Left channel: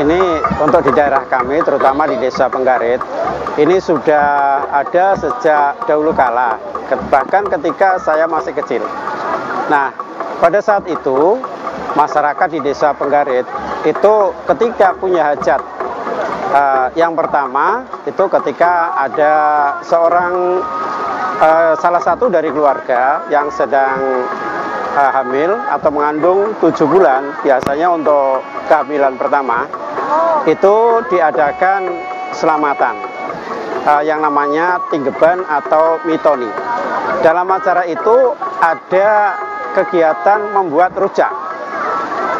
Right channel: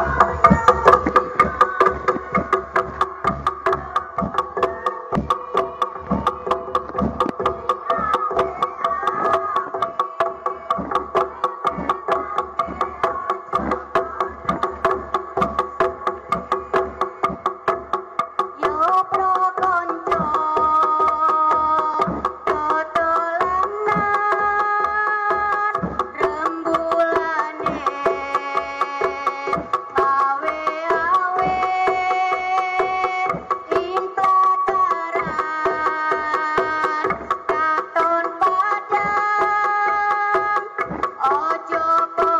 ini untuk di daerah kami, terutama di Desa Penggarit, ini sudah ada sejak dahulu kala, bahkan ketika saya masih kecil. Nah, pada saat itu, masyarakat di Desa Penggarit itu ketika punya hajat, yang pertama itu ketika ada seorang salah satu dari keluarga yang sedang hamil atau mengandung 7 bulan, biasanya untuk kehamilan pertama, itu diadakan selamatan yang namanya tinggeban atau mitoni. Dalam acara itu ada kegiatan membuat rujak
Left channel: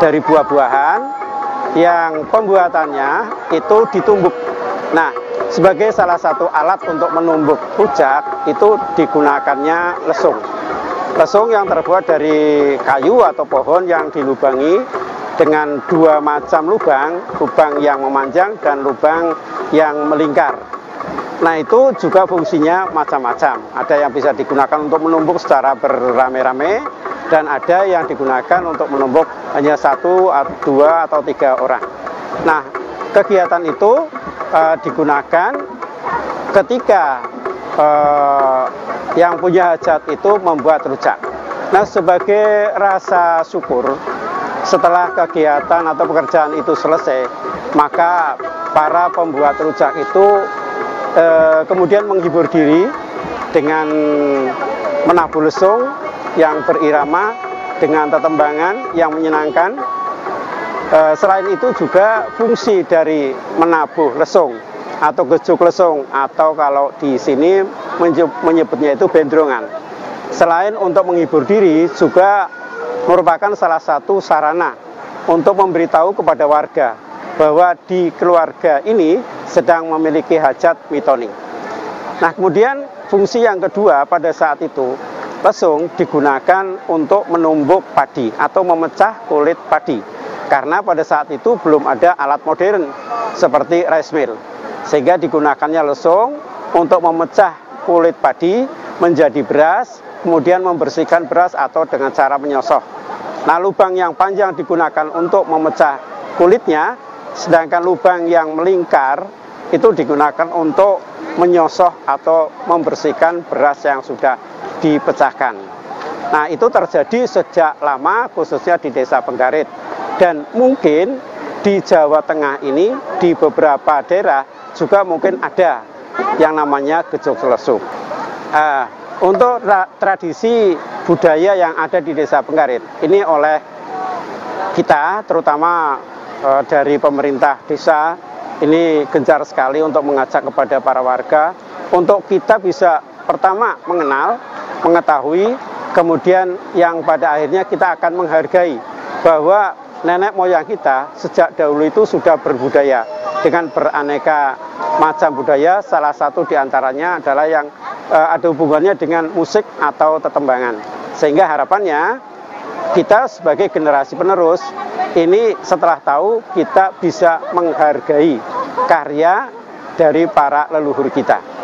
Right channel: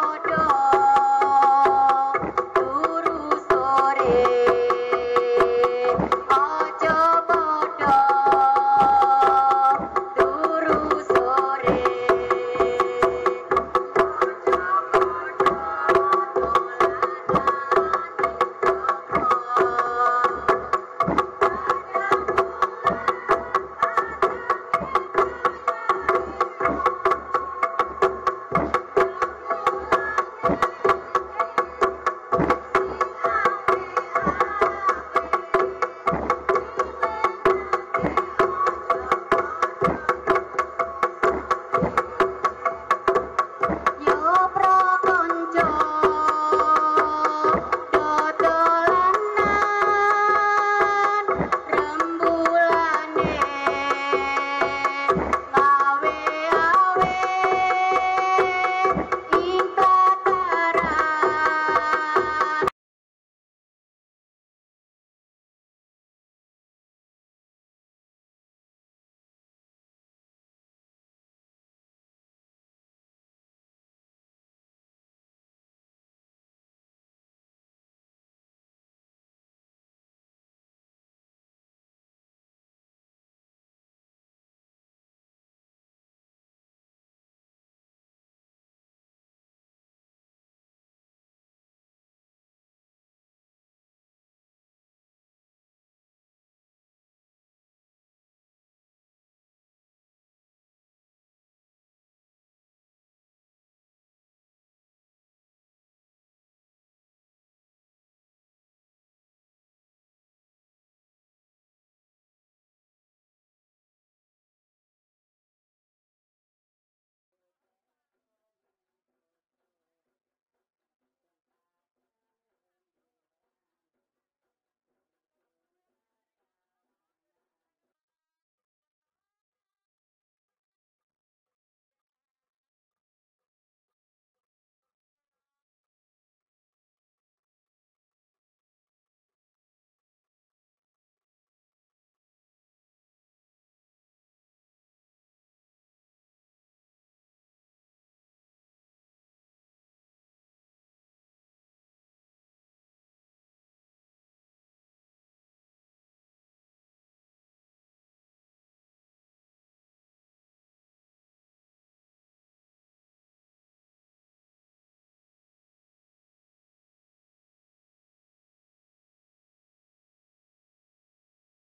dari buah-buahan yang pembuatannya itu ditumbuk. Nah, sebagai salah satu alat untuk menumbuk rujak itu digunakannya lesung. Lesung yang terbuat dari kayu atau pohon yang dilubangi dengan 2 macam lubang, lubang yang memanjang dan lubang yang melingkar. Nah, itu juga fungsinya macam-macam. Ada yang bisa digunakan untuk menumbuk secara beramai-ramai, dan ada yang digunakan untuk menumbuk hanya 1, 2, atau 3 orang. Nah, kegiatan itu digunakan ketika yang punya hajat itu membuat rujak. Nah, sebagai rasa syukur, setelah kegiatan atau pekerjaan itu selesai, maka para pembuat rujak itu kemudian menghibur diri dengan menabuh lesung yang berirama dengan tetembangan yang menyenangkan. Selain itu juga fungsi dari menabuh lesung atau gejuk lesung, atau kalau di sini menyebutnya itu bendrongan. Selain untuk menghibur diri, juga merupakan salah satu sarana untuk memberitahu kepada warga bahwa di keluarga ini sedang memiliki hajat mitoni. Nah, kemudian fungsi yang kedua pada saat itu, lesung digunakan untuk menumbuk padi atau memecah kulit padi. Karena pada saat itu belum ada alat modern seperti rice mill. Sehingga digunakannya lesung untuk memecah kulit padi menjadi beras, kemudian membersihkan beras atau dengan cara menyosok. Nah, lubang yang panjang digunakan untuk memecah kulitnya, sedangkan lubang yang melingkar itu digunakan untuk menyosok atau membersihkan beras yang sudah dipecahkan. Nah, itu terjadi sejak lama, khususnya di Desa Penggarit. Dan mungkin di Jawa Tengah ini, di beberapa daerah juga mungkin ada yang namanya gejok lesung. Untuk tradisi budaya yang ada di Desa Penggarit, ini oleh kita, terutama dari pemerintah desa, ini gencar sekali untuk mengajak kepada para warga untuk kita bisa pertama mengenal, mengetahui, kemudian yang pada akhirnya kita akan menghargai bahwa nenek moyang kita sejak dahulu itu sudah berbudaya dengan beraneka macam budaya. Salah satu diantaranya adalah yang ada hubungannya dengan musik atau tetembangan. Sehingga harapannya kita sebagai generasi penerus ini setelah tahu kita bisa menghargai karya dari para leluhur kita.